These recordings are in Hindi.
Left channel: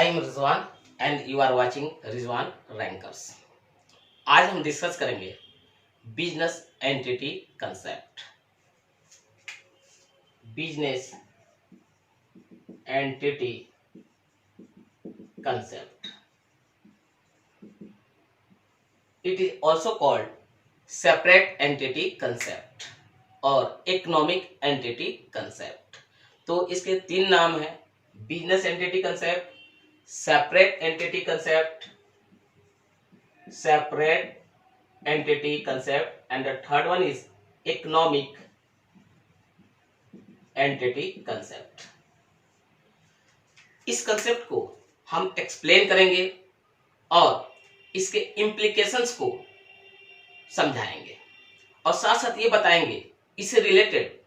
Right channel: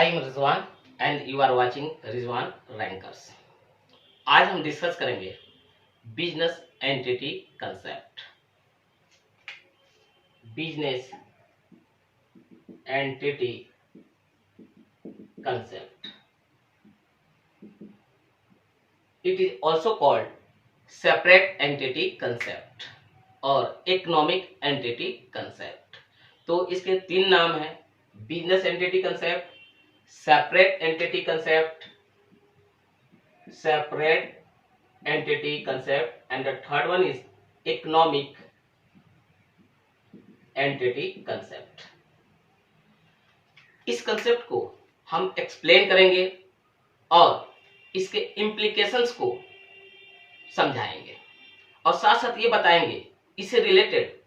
I am Rizwan and you are watching Rizwan rankers. आज हम डिस्कस करेंगे business entity concept. Business entity concept, it is also called separate entity concept और इकोनॉमिक एंटिटी कंसेप्ट। तो इसके तीन नाम हैं: बिजनेस एंटिटी कंसेप्ट, सेपरेट एंटिटी कंसेप्ट, and the third one is economic entity concept। इस कंसेप्ट को हम एक्सप्लेन करेंगे और इसके इम्प्लीकेशंस को समझाएंगे और साथ साथ ये बताएंगे इससे रिलेटेड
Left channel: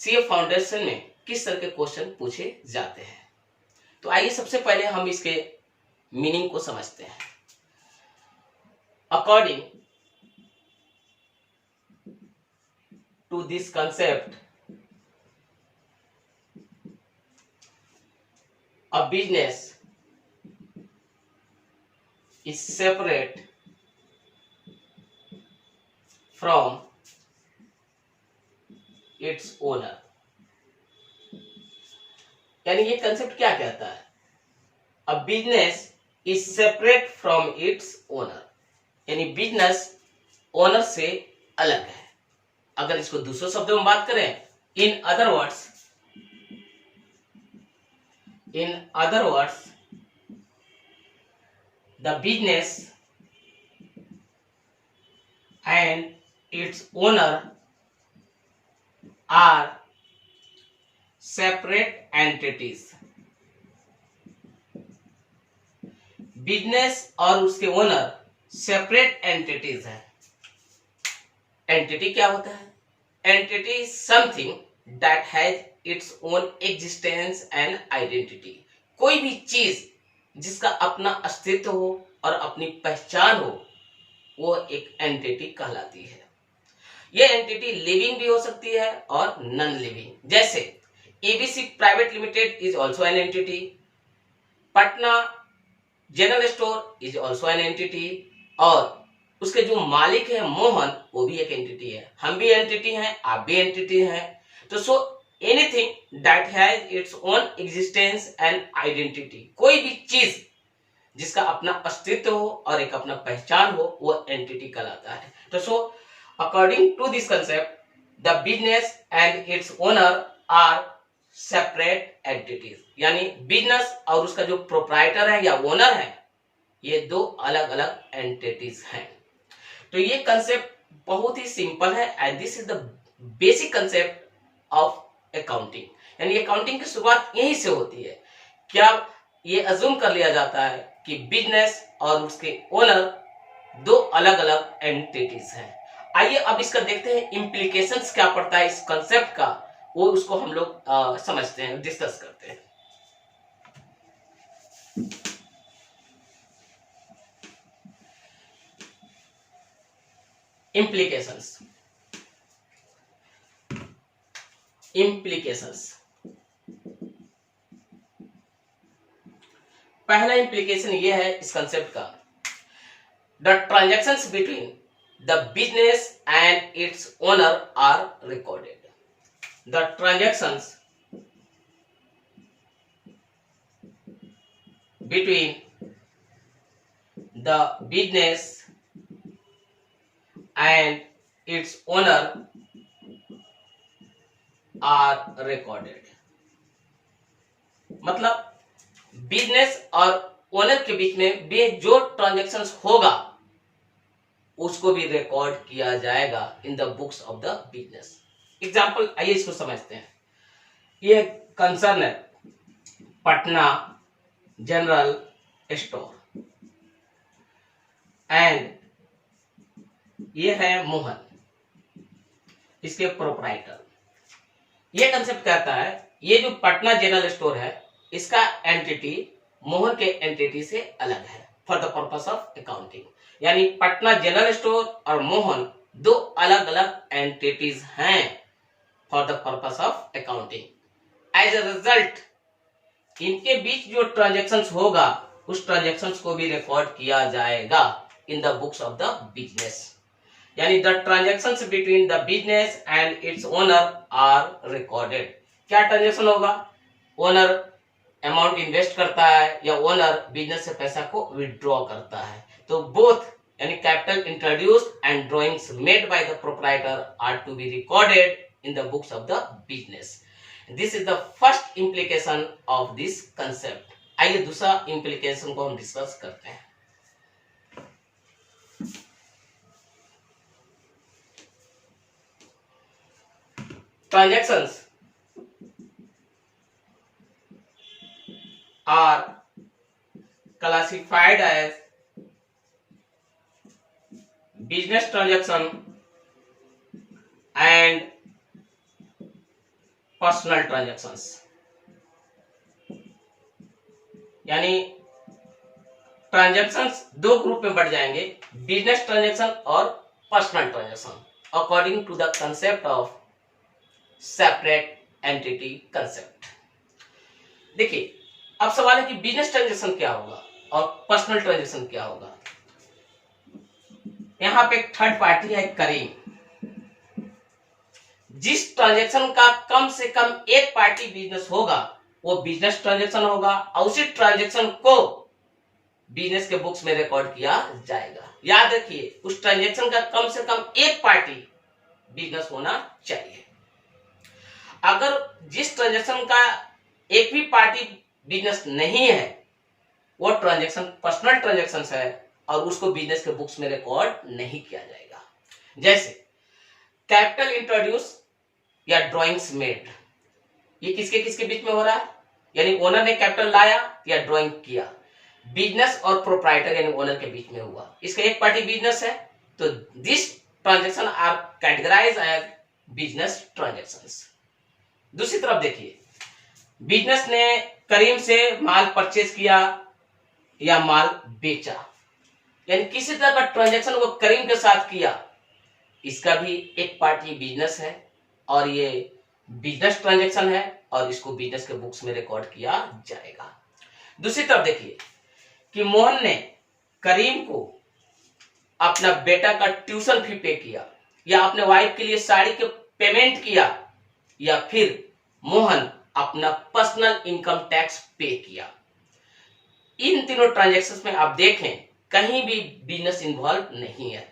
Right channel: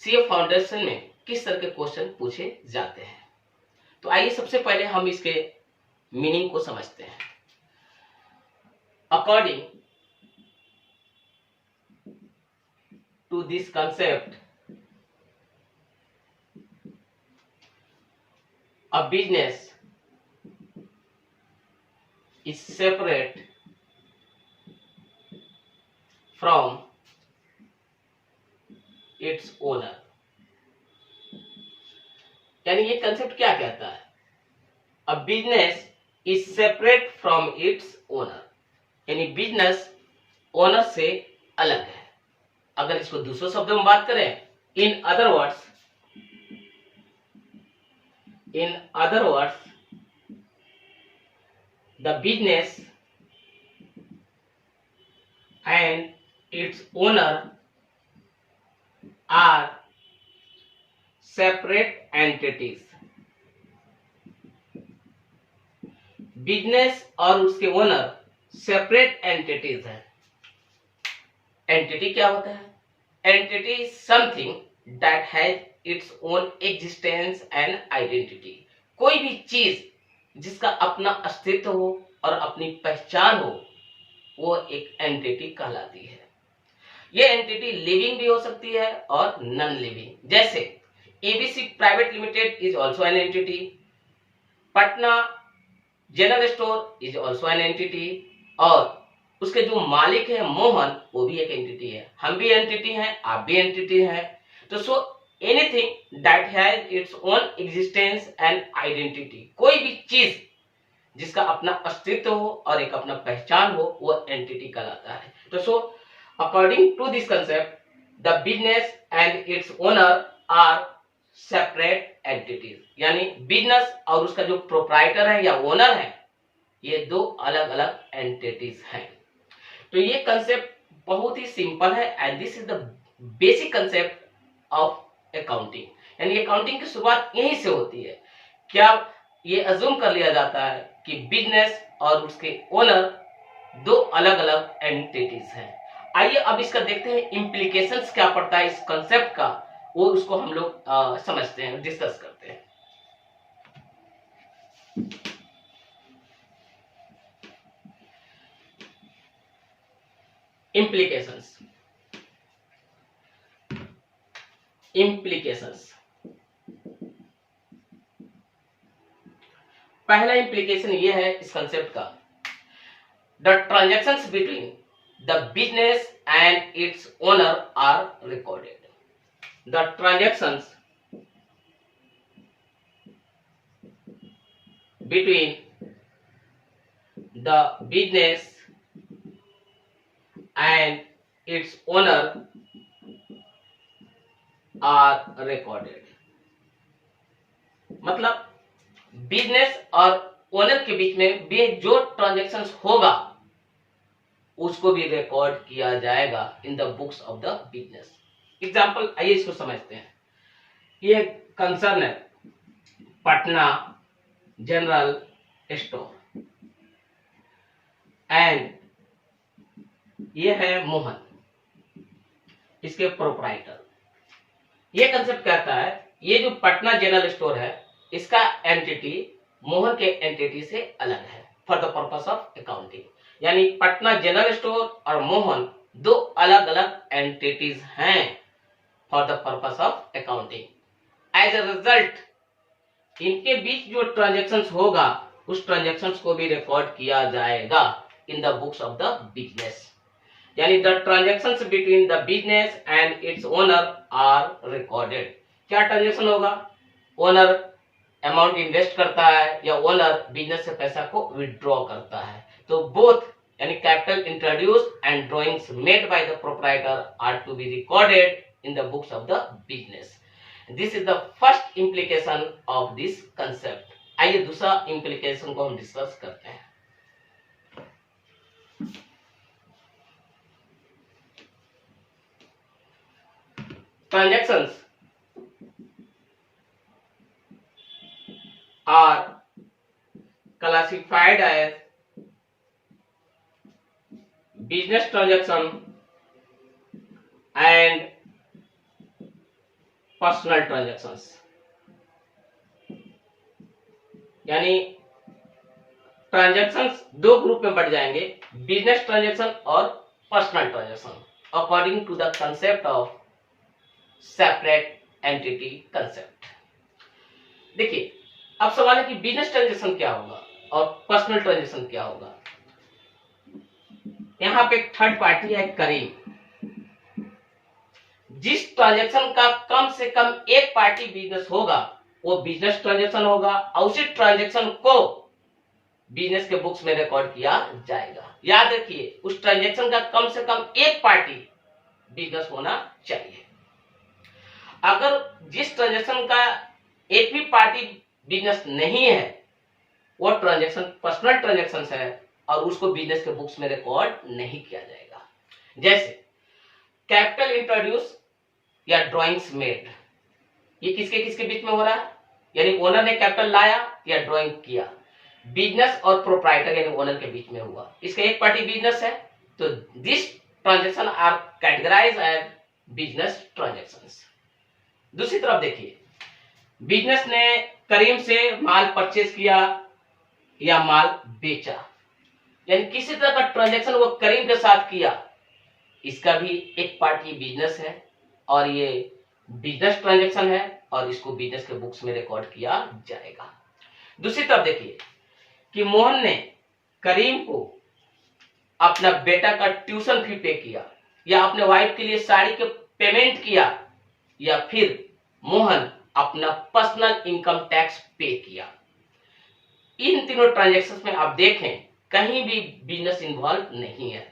सीए फाउंडेशन में किस तरह के क्वेश्चन पूछे जाते हैं। तो आइए सबसे पहले हम इसके मीनिंग को समझते हैं। According to this concept, a business is separate from its owner। यानी ये कंसेप्ट क्या कहता है? A business is separate from its owner, यानी बिजनेस ओनर से अलग है। अगर इसको दूसरे शब्दों में बात करें, in other words the business and its owner are separate entities. Business और उसके ओनर सेपरेट एंटिटीज है। एंटिटी क्या होता है? Entity is something that has its own existence and identity. कोई भी चीज जिसका अपना अस्तित्व हो और अपनी पहचान हो, वो एक एंटिटी कहलाती है। ये एंटिटी लिविंग भी हो सकती है और नॉन लिविंग। जैसे ABC private limited is also an entity, Patna general store is also an entity, और उसके जो मालिक है मोहन, वो भी एक एंटिटी है। हम भी एंटिटी हैं, आप भी एंटिटी हैं। तो so anything that has its own existence and identity, कोई भी चीज जिसका अपना अस्तित्व हो और एक अपना पहचान हो, वो एंटिटी कहलाता है। तो so according to this concept, the business and its owner are separate entities, यानी बिजनेस और उसका जो प्रोप्राइटर है या ओनर है, ये दो अलग अलग एंटिटीज हैं। तो ये कंसेप्ट बहुत ही सिंपल है and this is the basic concept of accounting. यानी अकाउंटिंग की शुरुआत यहीं से होती है। क्या ये अज्यूम कर लिया जाता है कि बिजनेस और उसके ओनर दो अलग अलग एंटिटीज हैं। आइए अब इसका देखते हैं इम्प्लीकेशंस क्या पड़ता है इस कंसेप्ट का, वो उसको हम लोग समझते हैं, डिस्कस करते हैं। इम्प्लीकेशंस पहला इम्प्लीकेशन ये है इस कंसेप्ट का, the transactions between the business and its owner are recorded. The transactions between the business and its owner are recorded। मतलब बिजनेस और ओनर के बीच में भी जो ट्रांजैक्शंस होगा, उसको भी रिकॉर्ड किया जाएगा in the books of the business. Example, आइए इसको समझते हैं। ये कंसर्न है पटना जनरल स्टोर एंड ये है मोहन, इसके प्रोप्राइटर। ये कंसेप्ट कहता है ये जो पटना जनरल स्टोर है, इसका एंटिटी मोहन के एंटिटी से अलग है for the purpose of accounting. यानी पटना जनरल स्टोर और मोहन दो अलग अलग एंटिटीज हैं for the purpose of accounting. As a result, इनके बीच जो ट्रांजेक्शन्स होगा उस ट्रांजेक्शन्स को भी रिकॉर्ड किया जाएगा in the books of the business. यानी the transactions between the business and its owner are recorded. क्या ट्रांजेक्शन होगा? ओनर अमाउंट इन्वेस्ट करता है या ओनर बिजनेस से पैसा को विड्रॉ करता है, तो बोथ यानी capital introduce and drawings made by the proprietor are to be recorded in the books of the business. This is the first implication of this concept. आइए दूसरा इम्प्लीकेशन को हम डिस्कस करते हैं। Transactions are classified as business transaction and personal transactions। यानी ट्रांजैक्शंस दो ग्रुप में बढ़ जाएंगे, बिजनेस ट्रांजैक्शन और personal transaction, according to the concept of separate entity concept. देखिए, अब सवाल है कि बिजनेस ट्रांजैक्शन क्या होगा और पर्सनल ट्रांजैक्शन क्या होगा। यहां पे एक थर्ड पार्टी है करीम। जिस ट्रांजैक्शन का कम से कम एक पार्टी बिजनेस होगा वो बिजनेस ट्रांजैक्शन होगा और उसी ट्रांजैक्शन को बिजनेस के बुक्स में रिकॉर्ड किया जाएगा। याद रखिए, उस ट्रांजैक्शन का कम से कम एक पार्टी बिजनेस होना चाहिए। अगर जिस ट्रांजैक्शन का एक भी पार्टी बिजनेस नहीं है वो ट्रांजैक्शन पर्सनल ट्रांजैक्शन है और उसको बिजनेस के बुक्स में रिकॉर्ड नहीं किया जाएगा। जैसे कैपिटल इंट्रोड्यूस या ड्राइंग्स मेड, ये किसके किसके बीच में हो रहा है? यानी ओनर ने कैपिटल लाया या ड्राइंग किया, बिजनेस और प्रोप्राइटर यानी ओनर के बीच में हुआ, इसका एक पार्टी बिजनेस है, तो this transaction are categorised as business transactions. दूसरी तरफ देखिए, बिजनेस ने करीम से माल परचेज किया या माल बेचा, यानी किसी तरह का ट्रांजैक्शन वो करीम के साथ किया, इसका भी एक पार्टी बिजनेस है और ये बिजनेस ट्रांजैक्शन है और इसको बिजनेस के बुक्स में रिकॉर्ड किया जाएगा। दूसरी तरफ देखिए कि मोहन ने करीम को अपना बेटा का ट्यूशन फी पे किया या अपने वाइफ के लिए साड़ी के पेमेंट किया या फिर मोहन अपना पर्सनल इनकम टैक्स पे किया। इन तीनों ट्रांजैक्शंस में आप देखें कहीं भी बिजनेस इन्वॉल्व नहीं है।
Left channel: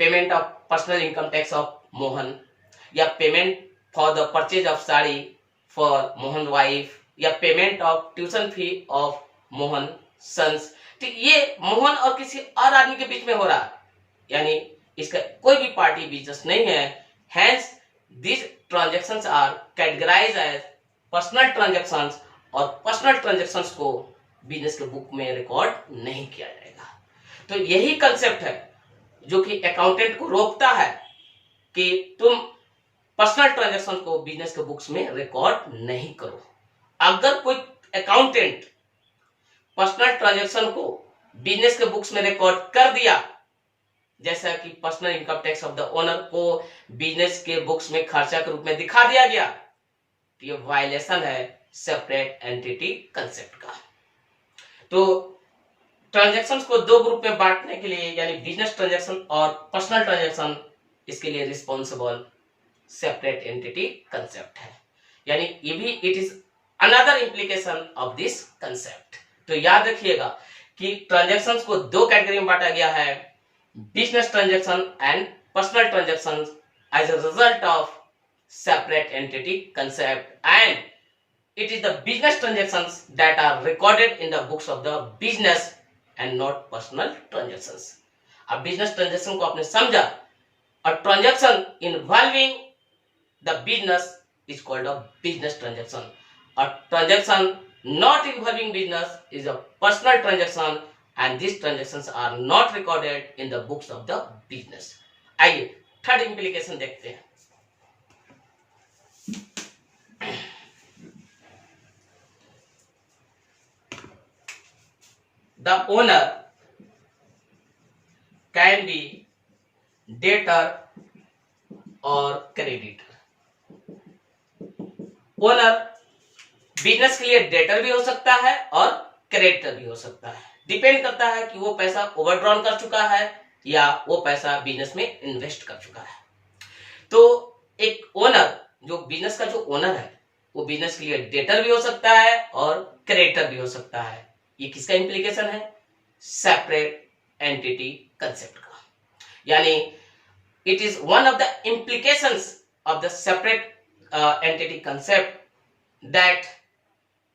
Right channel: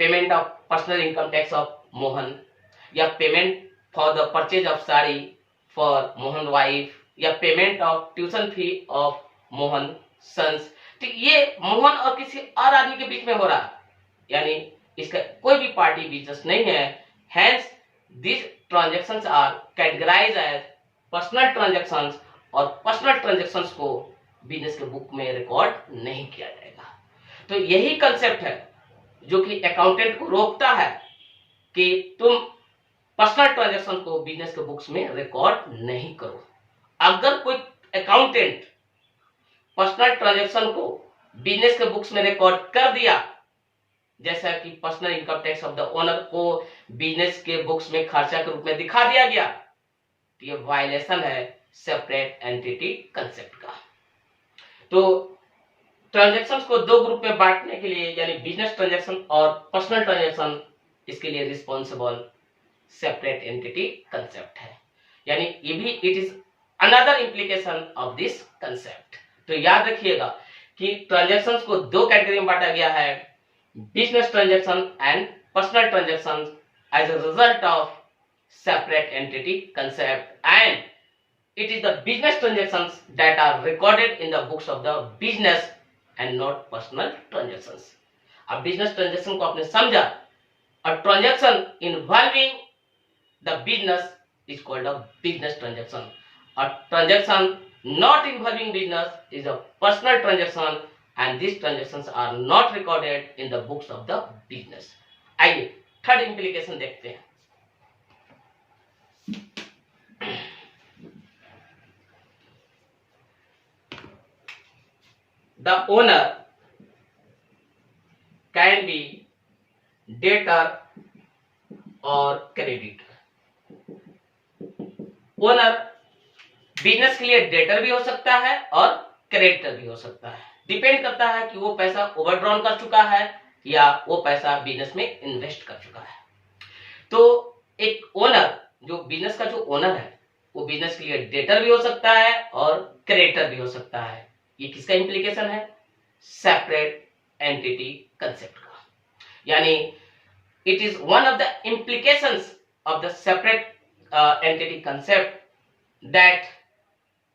Payment of personal income tax of Mohan या payment for the purchase of sari for Mohan wife या payment of tuition fee of Mohan sons, तो ये मोहन और किसी और आदमी के बीच में हो रहा है, यानी इसका कोई भी पार्टी बिजनेस नहीं है। Hence this transactions are categorised as personal transactions और पर्सनल ट्रांजैक्शंस को बिजनेस के बुक में रिकॉर्ड नहीं किया जाएगा। तो यही कंसेप्ट है जो कि अकाउंटेंट को रोकता है कि तुम पर्सनल ट्रांजैक्शन को बिजनेस के बुक्स में रिकॉर्ड नहीं करो। अगर कोई अकाउंटेंट पर्सनल ट्रांजैक्शन को बिजनेस के बुक्स में रिकॉर्ड कर दिया, जैसा कि personal income tax of the owner को बिजनेस के बुक्स में खर्चा के रूप में दिखा दिया गया, तो ये वायलेशन है सेपरेट एंटिटी कंसेप्ट का। तो ट्रांजैक्शंस को दो ग्रुप में बांटने के लिए यानी बिजनेस ट्रांजैक्शन और पर्सनल ट्रांजैक्शन, इसके लिए रिस्पॉन्सिबल सेपरेट एंटिटी कंसेप्ट है। यानी ये भी it is another implication of this concept. तो याद रखिएगा कि ट्रांजैक्शंस को दो कैटेगरी में बांटा गया है, business transaction and personal transactions as a result of separate entity concept, and it is the business transactions that are recorded in the books of the business and not personal transactions। अब बिजनेस ट्रांजैक्शन को आपने समझा, a transaction involving the business is called a business transaction, a transaction not involving business is a personal transaction and these transactions are not recorded in the books of the business। आइए थर्ड इंप्लीकेशन देखते हैं। The owner can be debtor or creditor। Owner business के लिए डेटर भी हो सकता है और क्रेडिटर भी हो सकता है, डिपेंड करता है कि वो पैसा ओवरड्रॉन कर चुका है या वो पैसा बिजनेस में इन्वेस्ट कर चुका है। तो एक ओनर, जो बिजनेस का जो ओनर है, वो बिजनेस के लिए डेटर भी हो सकता है और क्रेडिटर भी हो सकता है। ये किसका इंप्लीकेशन है? सेपरेट एंटिटी कंसेप्ट का। यानी it is one of the implications of the separate entity concept that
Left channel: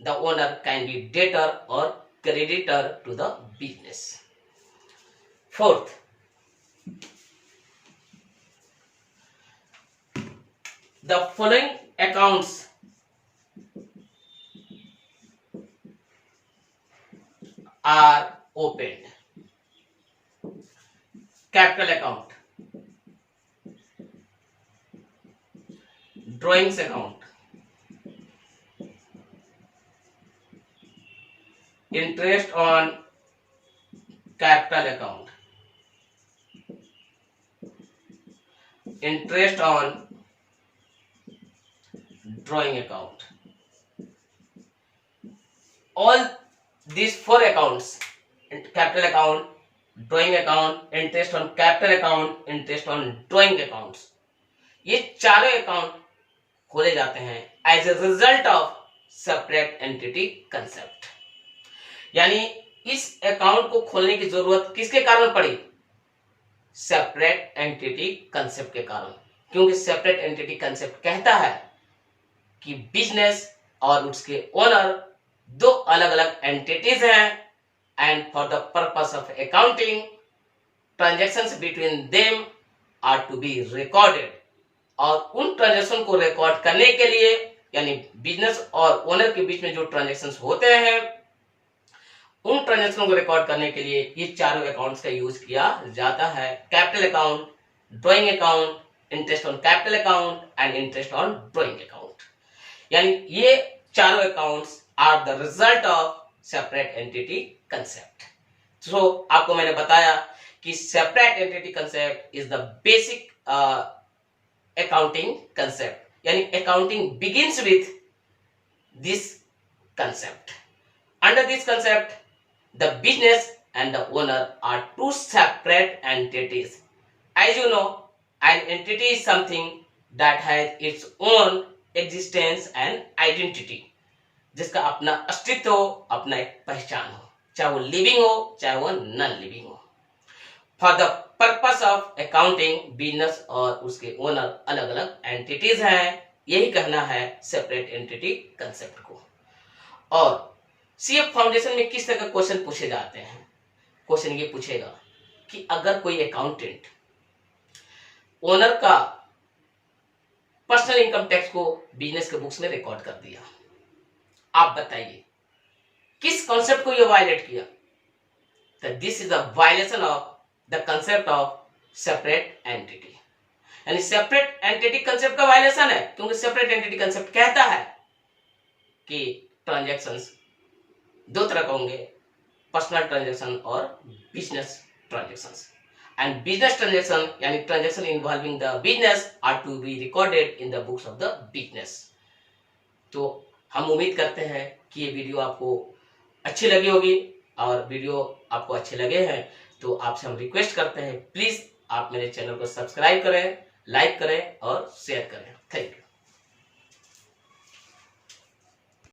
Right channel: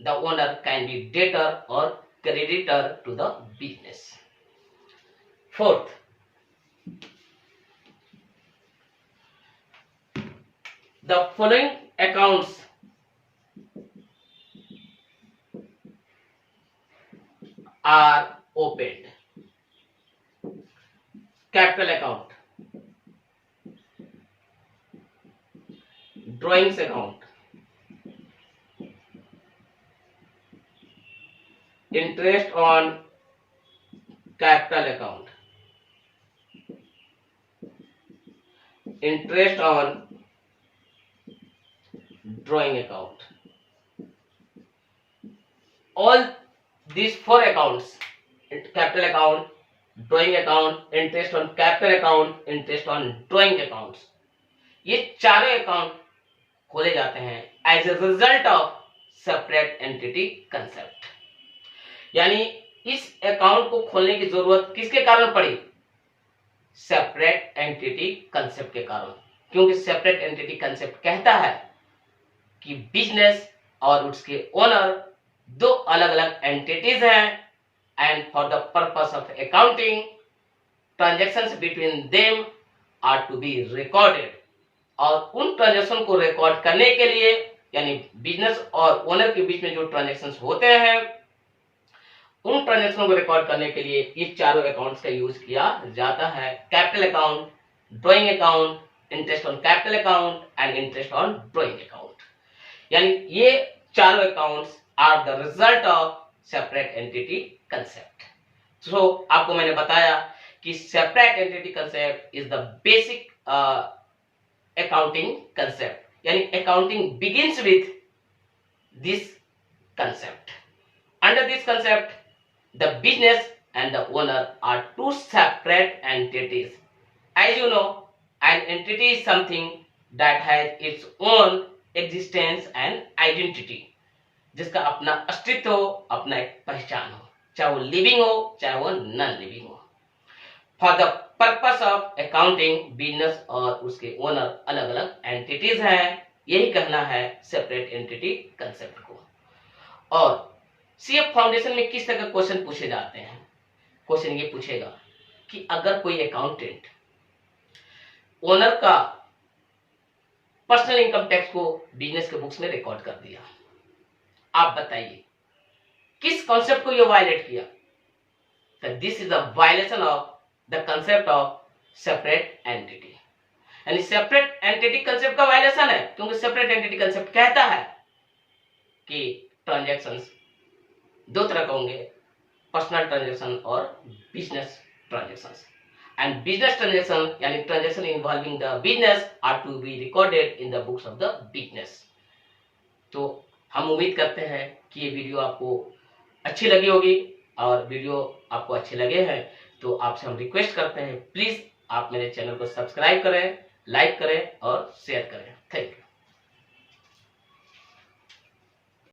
the owner can be debtor or creditor to the business. Fourth, the following accounts are opened: capital account, drawings account, interest on capital account, interest on drawing account. All these four accounts, capital account, drawing account, interest on capital account, interest on drawing accounts, ये चारों अकाउंट खोले जाते हैं as a result of separate entity concept. यानी इस अकाउंट को खोलने की जरूरत किसके कारण पड़ी? सेपरेट एंटिटी कंसेप्ट के कारण। क्योंकि सेपरेट एंटिटी कंसेप्ट कहता है कि बिजनेस और उसके ओनर दो अलग अलग एंटिटीज हैं and for the purpose of accounting transactions between them are to be recorded. और उन ट्रांजैक्शन को रिकॉर्ड करने के लिए, यानी बिजनेस और ओनर के बीच में जो ट्रांजैक्शंस होते हैं, उन ट्रांजैक्शन को रिकॉर्ड करने के लिए ये चारों अकाउंट्स का यूज किया जाता है: capital account, drawing account, interest on capital account and interest on drawing account. यानी ये चारों accounts are the result of separate entity concept. So आपको मैंने बताया कि separate entity concept is the basic accounting concept. Yani accounting begins with this concept. Under this concept, the business and the owner are two separate entities. As you know, an entity is something that has its own existence and identity. जिसका अपना अस्तित्व हो, अपना एक पहचान हो, चाहे वो लिविंग हो चाहे वो नॉन लिविंग हो। For the purpose of accounting, business और उसके ओनर अलग अलग एंटिटीज हैं, यही कहना है सेपरेट एंटिटी कंसेप्ट को। और सीएफ फाउंडेशन में किस तरह का क्वेश्चन पूछे जाते हैं? क्वेश्चन ये पूछेगा कि अगर कोई अकाउंटेंट ओनर का पर्सनल इनकम टैक्स को बिजनेस के बुक्स में रिकॉर्ड कर दिया, आप बताइए किस कॉन्सेप्ट को ये वायलेट किया? तो this is a violation of the concept of separate entity. यानी सेपरेट एंटिटी कंसेप्ट का वायलेशन है, क्योंकि सेपरेट एंटिटी कंसेप्ट कहता है कि ट्रांजैक्शंस दो तरह के होंगे: पर्सनल ट्रांजैक्शन और business transactions. And business transaction यानी transaction involving the business are to be recorded in the books of the business. तो हम उम्मीद करते हैं कि ये वीडियो आपको अच्छी लगी होगी, और वीडियो आपको अच्छे लगे हैं तो आपसे हम रिक्वेस्ट करते हैं प्लीज आप मेरे चैनल को सब्सक्राइब करें, लाइक करें और शेयर करें। Thank you.